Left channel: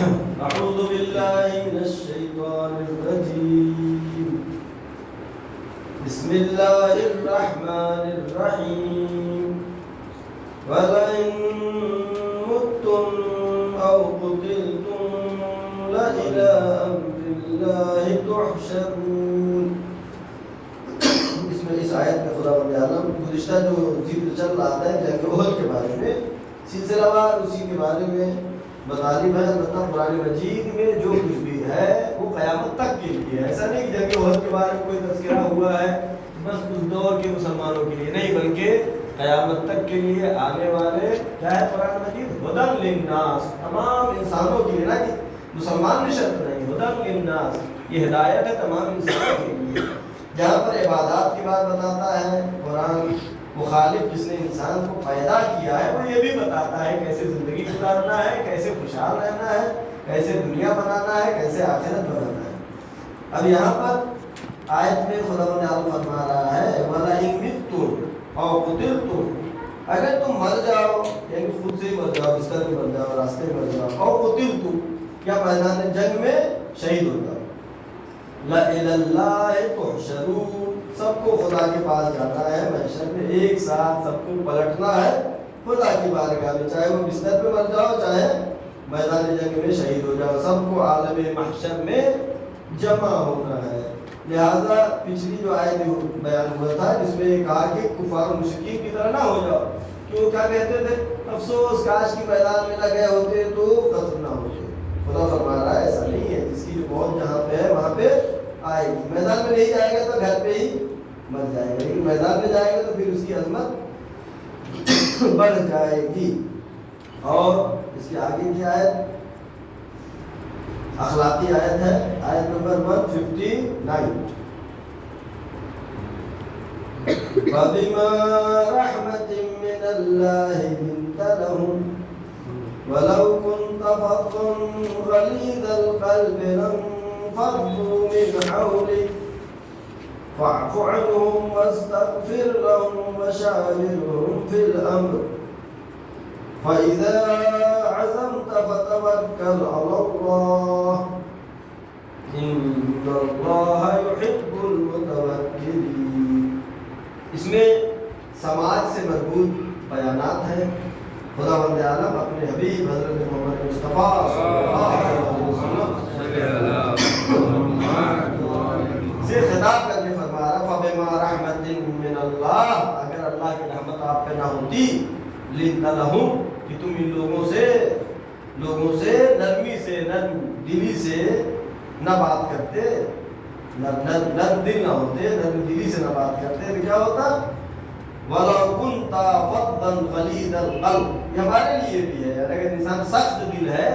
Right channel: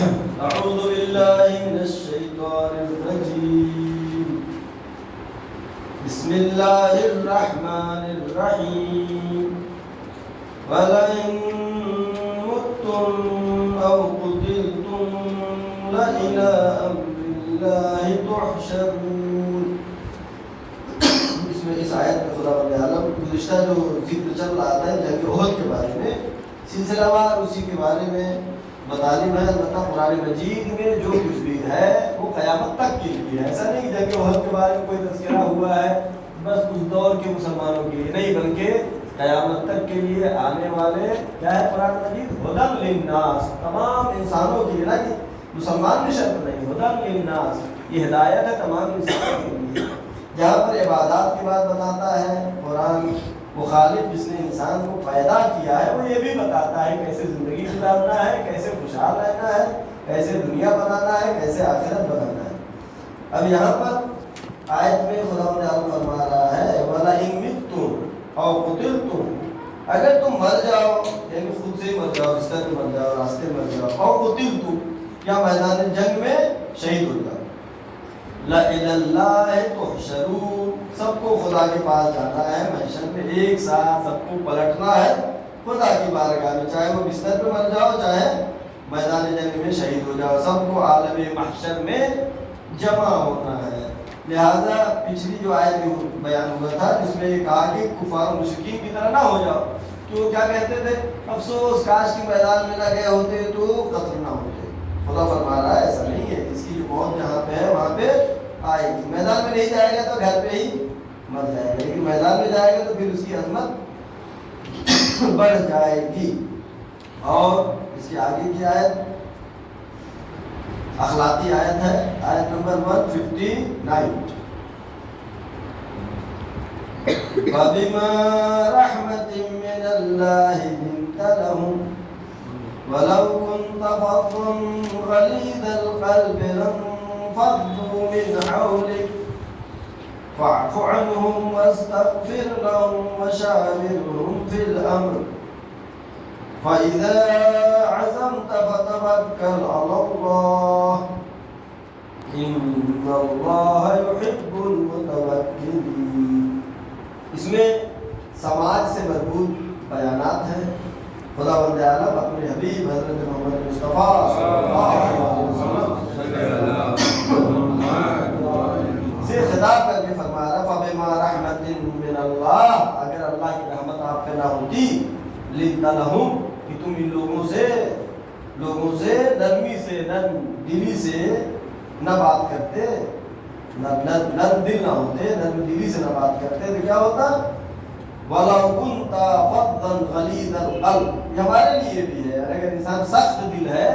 أعوذ بالله من الشيطان الرجيم بسم الله الرحمن الرحيم ولئن متم أو قتلتم لإلى أمر الله تحشرون. اس آیت میں خدا بند عالم گزشتہ جو ذکر چل رہا ہے جنگ احد کے بارے میں سلسلہ وار اسی کے بارے میں مطالب ہے. البتہ قرآن مجید میں جو کچھ بھی ہے وہ قیامت تک کے لیے ہے. ایسا نہیں کہ جنگ احد کے بارے میں کوئی تذکرہ ہوا ہے بس اس دور کے مسلمانوں کے لیے نہیں، بلکہ قیامت تک کے لیے آنے والے کیا ہے قرآن مجید ہدی للناس، تمام انسانوں کے لیے، نہ کہ مسلمان بھی شرط نہیں، ہدی للناس یہ ہدایت ہے تمام انسانوں کے لیے. جہاں پر عبادات کی بات بتاتا ہے قرآن، مخالف جس نے انسان کو پیدا کیا ہے وہ یہ بھی بتاتا ہے کیسے زندگی گزارنا ہے، کیسے خوشحال رہنا ہے، کیسے دنیا بنانا ہے، کیسے آخرت بنانا ہے. اب یہاں پر آیت میں خداوند عالم فرما رہا ہے وَلَئِن مِتُّمْ أَوْ قُتِلْتُمْ، اگر تم مر جاؤ یعنی خود سے ہی مر جاؤ، بستر میں مر جاؤ، راستے میں مر جاؤ، أَوْ قُتِلْتُمْ یا میدان جنگ میں شہید ہو جاؤ، لَإِلَى اللَّهِ تُحْشَرُونَ، سب کو خدا کے پاس جانا ہے، محشر میں ایک ساتھ سب کو پلٹنا ہے خدا کی بارگاہ میں، چاہے وہ بستر پہ مر جاؤ چاہے میدان جنگ میں شہید ہو جاؤ، سب کو عالم محشر میں جمع ہونا ہے. لہذا پچھلی جو آیت بیان ہوا تھا جس میں یہ کہا کہ کفار و مشرکین کی طرح نہ ہو جاؤ، کیوں کیا کہتے تھے افسوس کاش کی میدان میں نہ گئے ہوتے تو قتل نہ ہوتے. خدا فرما رہا ہے ایسا نہیں ہے، اس کی جو موت جہاں پہ ہے وہاں پہ آئے گی. میدان میں نہیں جائے گا تو گھر پہ ہی مر جائے گا، لیکن میدان میں جائے گا تو پھر اس کی عظمت بڑھ جائے گی. اور اس کی آگے کی آیت اخلاقی آیت ہے، آیت نمبر 159 فَبِمَا رَحْمَةٍ مِّنَ اللَّهِ لِنتَ لَهُمْ وَلَوْ كُنْتَ فَظًّا غَلِيظَ الْقَلْبِ لَانفَضُّوا مِنْ حَوْلِكَ فَاعْفُ عَنْهُمْ وَاسْتَغْفِرْ لَهُمْ وَشَاوِرْهُمْ فِي الْأَمْرِ فَإِذَا عَزَمْتَ فَتَوَكَّلْ عَلَى اللَّهِ إِنَّ اللَّهَ يُحِبُّ الْمُتَوَكِّلِينَ. اس میں سماج سے مربوط بیانات ہیں. خداوند عالم اپنے حبیب حضرت محمد مصطفیٰ صلی اللہ علیہ وسلم سے خطاب کر کے فرما رہا فَبِمَا رَحْمَةٍ مِّنَ اللَّهِ، اگر اللہ کی رحمت آپ پہ نہ ہوتی لِنْتَ لَهُمْ کہ تم ان لوگوں سے نرمی سے نرم دلی سے نہ بات کرتے، نرم دل نہ ہوتے، نرم دلی سے نہ بات کرتے تو کیا ہوتا وَلَوْ كُنْتَ فَظًّا غَلِيظَ الْقَلْبِ. یہ ہمارے لیے بھی ہے، اگر انسان سخت دل ہے،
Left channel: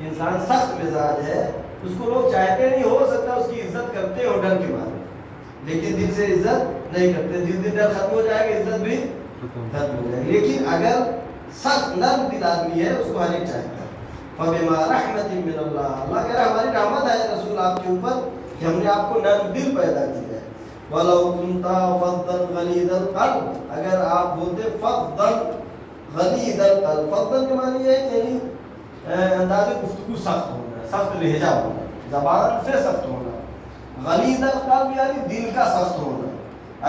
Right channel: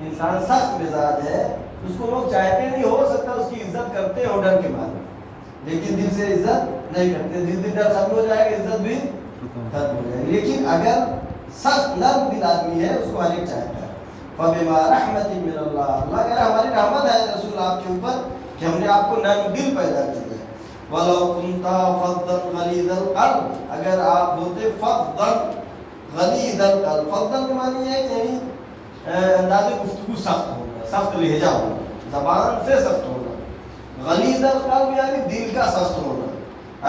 انسان سخت مزاج ہے، اس کو لوگ چاہتے نہیں، ہو سکتا اس کی عزت کرتے ہو ڈر کے مارے، لیکن دل سے عزت نہیں کرتے. دل ڈر ختم ہو جائے گا عزت بھی ختم ہو جائے گی. لیکن اگر سخت نرم دل آدمی ہے اس کو ہر ایک چاہتا ہے. فَبِمَا رَحْمَةٍ مِّنَ اللَّهِ، اللہ کہہ رہا ہماری رحمت ہے رسول آپ کے اوپر کہ ہم نے آپ کو نرم دل پیدا کیا ہے. وَلَوْ كُنْتَ فَظًّا غَلِيظَ الْقَلْبِ، اگر آپ ہوتے فَظًّا غَلِيظَ الْقَلْبِ، فَظًّا کے معنی ہے کہ یعنی انداز گفتگو سخت ہونا، سخت لہجہ ہونا، زبان سے سخت ہونا. غلیظ القلب یعنی دل کا سخت ہونا.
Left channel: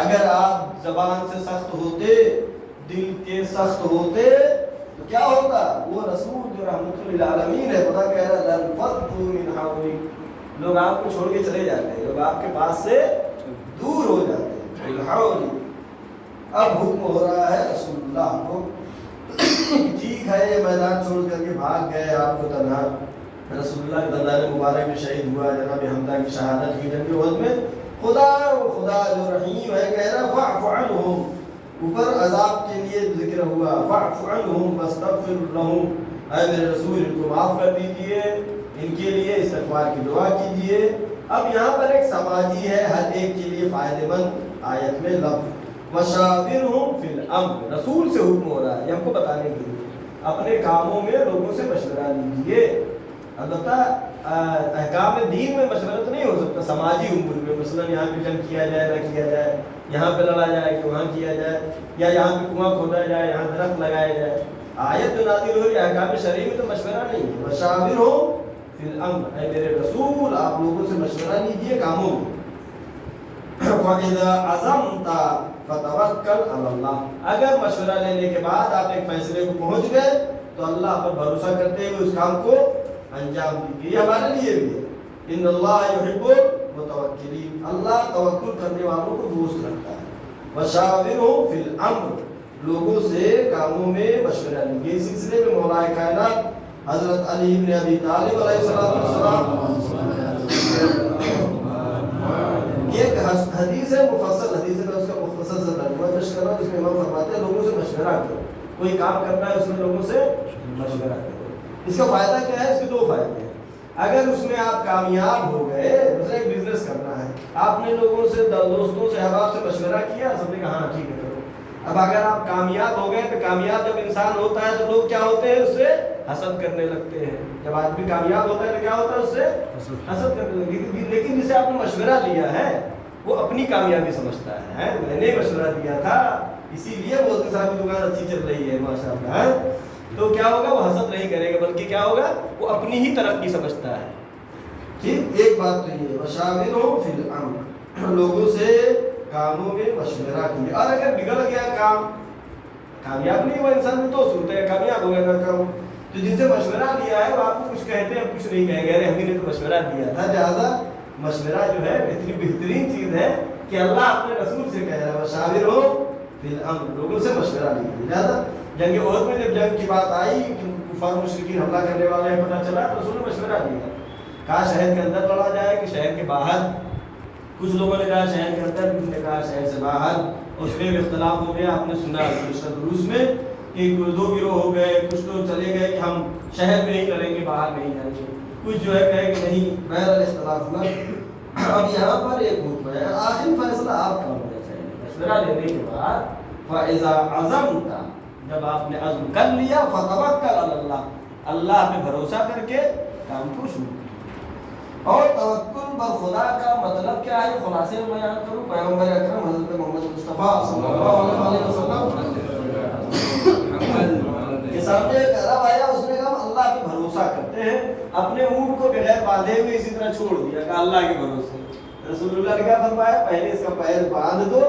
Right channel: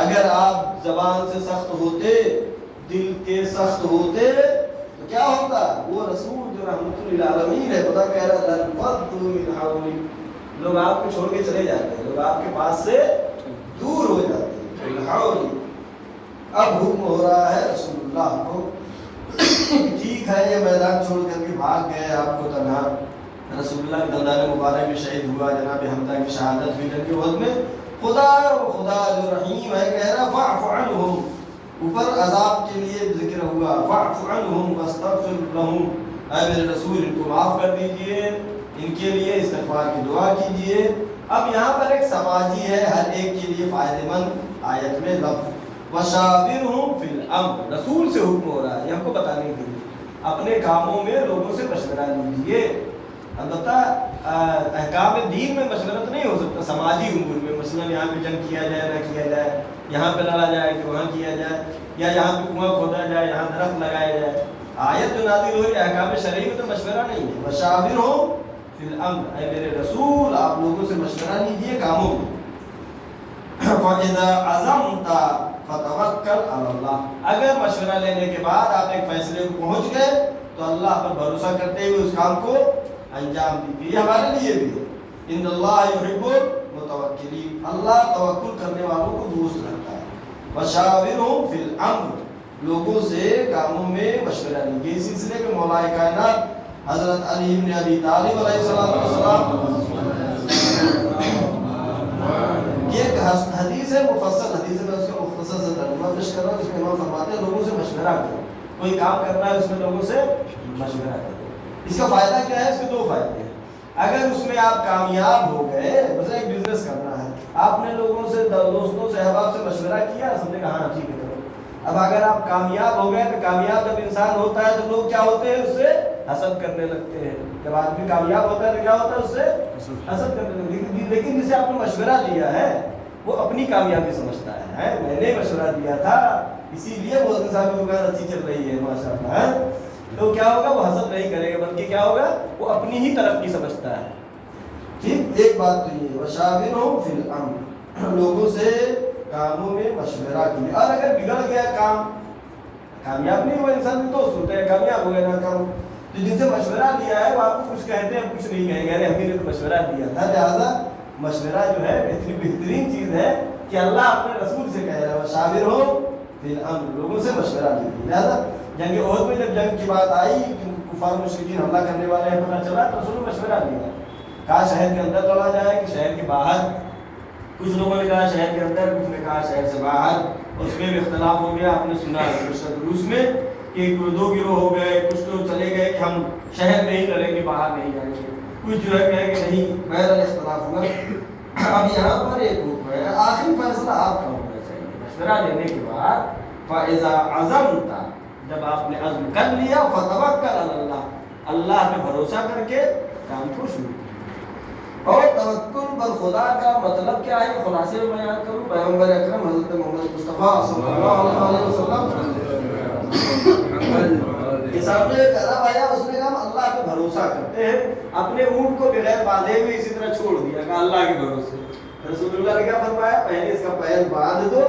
اگر آپ زبان سے سخت ہوتے، دل کے سخت ہوتے تو کیا ہوتا؟ وہ رسول جو رحمت للعالمین ہے، خدا کہہ رہا ہے لَانفَضُّوا مِنْ حَوْلِكَ، لوگ آپ کو چھوڑ کے چلے جاتے ہیں، لوگ آپ کے پاس سے دور ہو جاتے ہیں. اب حکم ہو رہا ہے رسول اللہ کو، ٹھیک ہے یہ میدان چھوڑ کر کے بھاگ گئے آپ کو تنہا، رسول اللہ کے دندان مبارک میں شہید ہوا، جناب حمزہ کی شہادت ہوئی جنگ احد میں. خدا جو رحیم ہے کہہ رہا فَاعْفُ عَنْهُمْ، اوپر عذاب کے لیے ذکر ہوا فَاعْفُ عَنْهُمْ وَاسْتَغْفِرْ لَهُمْ، اے میرے رسول ان کو معاف کر دیجئے، ان کے لیے استغفار کی دعا کیجئے. اب یہاں پر ایک سماجی ہے ہر ایک کے لیے فائدہ مند آیت میں لفظ وَشَاوِرْهُمْ فِي الْأَمْرِ، رسول سے حکم ہو رہا ہے یہ ہم کو بتانے کے لیے اپنے کاموں میں لوگوں سے مشورہ لیجیے. البتہ احکام دین میں مشورت نہیں ہو سکتا، سماجی امور میں مثلا یہاں پہ جنگ کیا جائے نہ کیا جائے، یہاں پہ لڑا جائے کہ وہاں کیا جائے، یا یہاں پہ کنواں کھودا جائے یہاں درخت لگایا جائے. آیت جو نازل ہوئی احکام شرعی میں تو مشورہ نہیں ہے. وَشَاوِرْهُمْ فی الامر، اے میرے رسول آپ لوگوں سے مشورہ لیجیے کاموں میں. فَإِذَا عَزَمْتَ فَتَوَكَّلْ عَلَى اللَّهِ، اگر مشورہ لینے کے بعد آپ ایک فیصلے کو پہنچ گئے تو اللہ پر بھروسہ کرتے ہوئے اس کام کو انجام دیجیے. یہ ہمارے لیے بھی ہے. ان اللہ یحب المتوکلین، اللہ توکل کرنے والوں کو دوست رکھتا ہے. وشاورہم فی الامر، لوگوں سے کاموں میں مشورہ لیجیے. اس سلسلے میں مولا کائنات حضرت علی بن ابی طالب علیہ السلام یہ ایک حدیث ہے، مفصل حدیث ہے، میں اس کا مختصر سے ترجمہ پیش کر رہا ہوں، جس میں امام فرماتے ہیں لوگوں سے مشورہ کرو. کوئی کام کرنا ہے اس میں لوگوں سے مشورہ کرو. اس کا فائدہ کیا ہے؟ اس کے دو فائدے ہیں. اگر اس میں آپ کامیاب ہو گئے، اسے ایک بزنس کرنا ہے، آپ نے لوگوں سے دوستوں سے احباب سے مشورہ کیا، سب نے کہا ہاں ٹھیک ہے کرو. اب اگر آپ کامیاب ہو گئے تو کامیاب جب انسان ہوتا ہے تو لوگ کیا ہوتے ہیں؟ اس سے حسد کرنے لگتے ہیں. جب آدمی کامیاب ہوتا ہے تو کیا ہوتا ہے؟ اس سے حسد کرنے لگتے ہیں. لیکن جسے آپ نے مشورہ لیا ہے وہ اپنی کامیابی سمجھتا ہے. میں نے مشورہ دیا تھا اسی لیے مودی صاحب کی دکان اچھی چل رہی ہے ماشاء اللہ. تو کیا ہوگا؟ وہ حسد نہیں کرے گا، بلکہ کیا ہوگا؟ وہ اپنی ہی ترقی سمجھتا ہے. ٹھیک، ایک بات تو یہ وشاورہم فی الامر، لوگوں سے کاموں میں مشورہ کیجیے. اور اگر بگڑ گیا کام، کامیاب نہیں ہوا انسان میں دوست ہوتا ہے، کامیاب ہو گیا نہ کام، تو جن سے مشورہ لیا ہے وہ آپ کو کچھ کہتے ہیں، کچھ نہیں کہیں گے ارے ہمیں نے تو مشورہ دیا تھا. لہٰذا مشورہ جو ہے بہترین چیز ہے کہ اللہ اپنے رسول سے کہہ رہا ہے وشاورہم فی الامر، لوگوں سے مشورہ لیجیے. لہٰذا جنگ احد میں جب جنگ کی بات آئی کہ کفار مشرکین حملہ کرنے والے ہیں، پتہ چلا تو رسول نے مشورہ لیا. کہا شہر کے اندر لڑا جائے کہ شہر کے باہر؟ کچھ لوگوں نے کہا شہر کے اندر، کچھ نے کہا شہر سے باہر. اس میں بھی اختلاف ہو گیا. آپ نے سنا روس میں کہ دو گروہ ہو گئے. کچھ تو چلے گئے کہ ہم شہر میں ہی لڑیں گے، باہر نہیں جائیں گے. کچھ جو ہے کہے کہ نہیں. بہرحال اختلاف ہوا. اب یہاں پر ایک حکم ہے، آخری فیصلہ آپ کا ہونا چاہیے. مشورہ لینے کے بعد فَإِذَا عَزَمْتَ، جب آپ نے عزم کر لیا، فَتَوَكَّلْ عَلَى اللَّهِ، اللہ پہ بھروسہ کر کے کام کو شروع. اور توکل پر خدا کا مطلب کیا ہے؟ خلاصے میں بیان کروں. پیغمبر اکرم حضرت محمد مصطفیٰ صلی اللہ علیہ وسلم کے سامنے ایک عرب آیا، اس نے کہا ہم اللہ پہ بھروسہ کرتے ہیں. اپنے اونٹ کو بغیر باندھے ہوئے اسی طرح چھوڑ دیا، کہا اللہ کے بھروسے. رسول اللہ نے کیا فرمایا؟ پہلے اس کا پیر باندھ دو،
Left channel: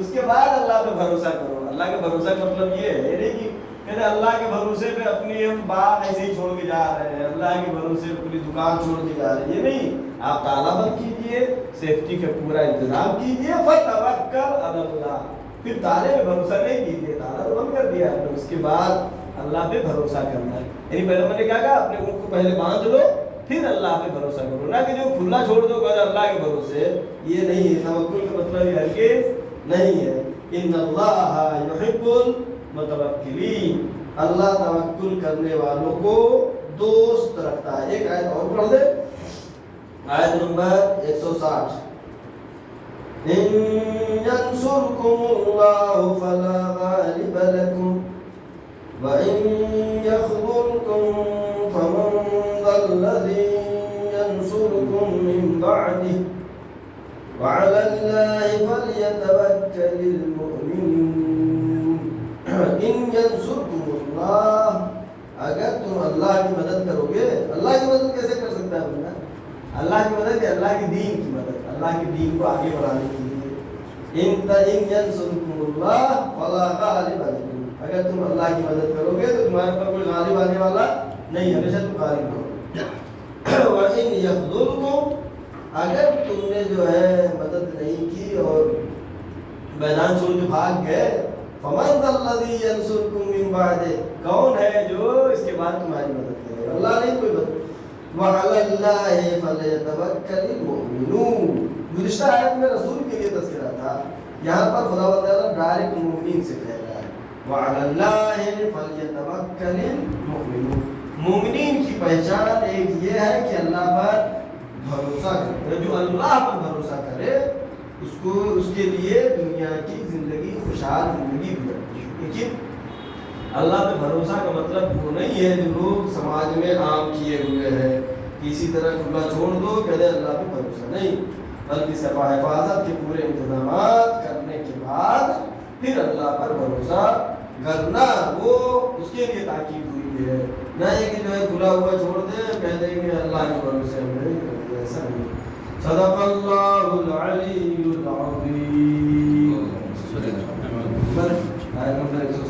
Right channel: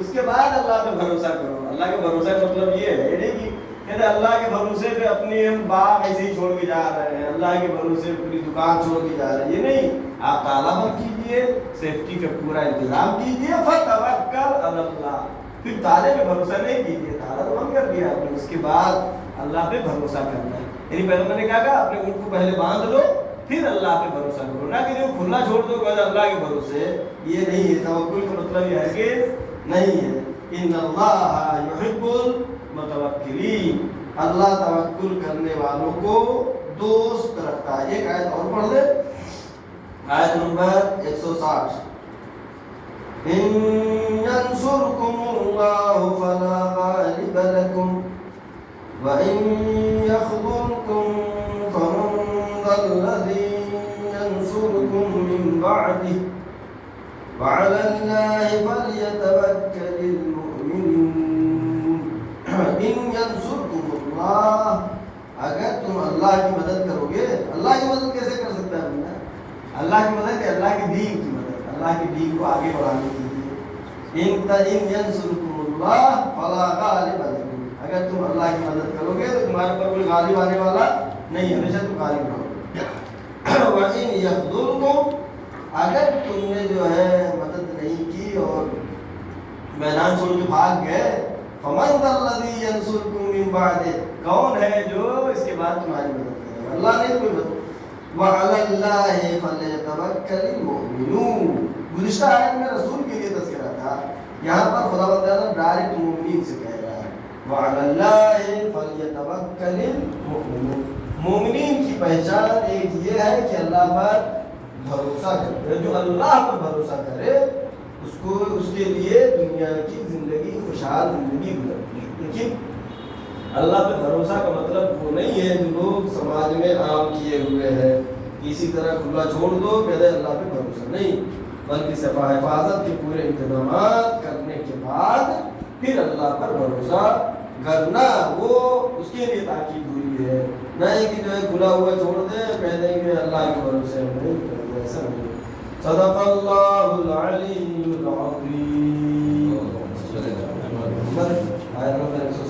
اس کے بعد اللہ پہ بھروسہ کرو. اللہ کے بھروسہ کا مطلب یہ ہے نہیں کہ کہتے اللہ کے بھروسے پہ اپنی باغ ایسے ہی چھوڑ کے جا رہے ہیں، اللہ کے بھروسے پوری دکان چھوڑ کے جا رہے ہیں. یہ نہیں. آپ تالا بند کیجیے، سیفٹی کا پورا انتظام کیجیے. فَتَوَكَّلْ عَلَى اللَّهِ، پھر تالے پہ بھروسہ نہیں کیجیے، تالا تو بند کر دیا آپ نے، اس کے بعد اللہ پہ بھروسہ کرنا ہے. یعنی پہلے میں نے کہا کہ اپنے اونٹ کو پہلے باندھ لو، پھر اللہ پہ بھروسہ کرو. نہ کہ جو کھلا چھوڑ دو کہ اللہ کے بھروسے. یہ نہیں ہے. توکل کا مطلب یہ ہرگز نہیں ہے. ان اللہ یحب المتوکلین، اللہ توکل کرنے والوں کو دوست رکھتا ہے. ایک آیت اور پڑھ دے، آیت نمبر 160. ان ینصرکم اللہ فلا غالب لکم وَإِن يَخْذُلْكُمْ فَمَنْ ذَا الَّذِي يَنْصُرُكُمْ مِنْ بَعْدِهِ وَعَلَى اللَّهِ فَلْيَتَوَكَّلِ الْمُؤْمِنُونَ. إِنْ يَنْصُرْكُمُ اللَّهُ، اگر تم اللہ کی مدد کرو گے. اللہ کی مدد کیسے کر سکتا ہے بندہ؟ اللہ کی مدد ہے اللہ کے دین کی مدد، اللہ کے دین کو آگے بڑھانے کے لیے. إِنْ يَنْصُرْكُمُ اللَّهُ فَلَا غَالِبَ لَكُمْ، اگر تم اللہ کی مدد کرو گے تو تمہارے پر کوئی غالب آنے والا نہیں، ہمیشہ تم غالب رہو. وَإِنْ يَخْذُلْكُمْ، اگر تم نے جو ہے مدد نہیں کی اور میدان چھوڑ کے بھاگ گئے، فَمَنْ ذَا الَّذِي يَنْصُرُكُمْ مِنْ بَعْدِهِ، کون ہے جو اس کے بعد تمہاری مدد کرے گا؟ اللہ نہیں کوئی مدد. وَعَلَى اللَّهِ فَلْيَتَوَكَّلِ الْمُؤْمِنُونَ. گزشتہ آیت میں رسول کے لیے تذکرہ تھا، یہاں پر خدا تعالیٰ ڈائریکٹ مومنین سے کہہ رہا ہے وَعَلَى اللَّهِ فَلْيَتَوَكَّلِ الْمُؤْمِنُونَ. مومنین کی پہچان ایک یہ ہے کہ اللہ پر بھروسہ کرے. جو اللہ پر بھروسہ کرے اس کے لیے دنیا کی زندگی خوشحال زندگی گزرتی ہے. لیکن اللہ پہ بھروسہ کا مطلب وہ نہیں ہے جو لوگ سماج میں عام کیے ہوئے ہیں، کسی طرح کھلا چھوڑ دو کہتے اللہ پہ بھروسہ نہیں، بلکہ صفا حفاظت کے پورے انتظامات کرنے کے بعد پھر اللہ پر بھروسہ کرنا، وہ اس کے لیے تاکید ہوئی ہے. نہیں کہ جو ہے کھلا ہوا چھوڑ دیں، کہہ دیں کہ اللہ کے بھروسے ہم نہیں کریں گے، ایسا نہیں۔ صدق اللہ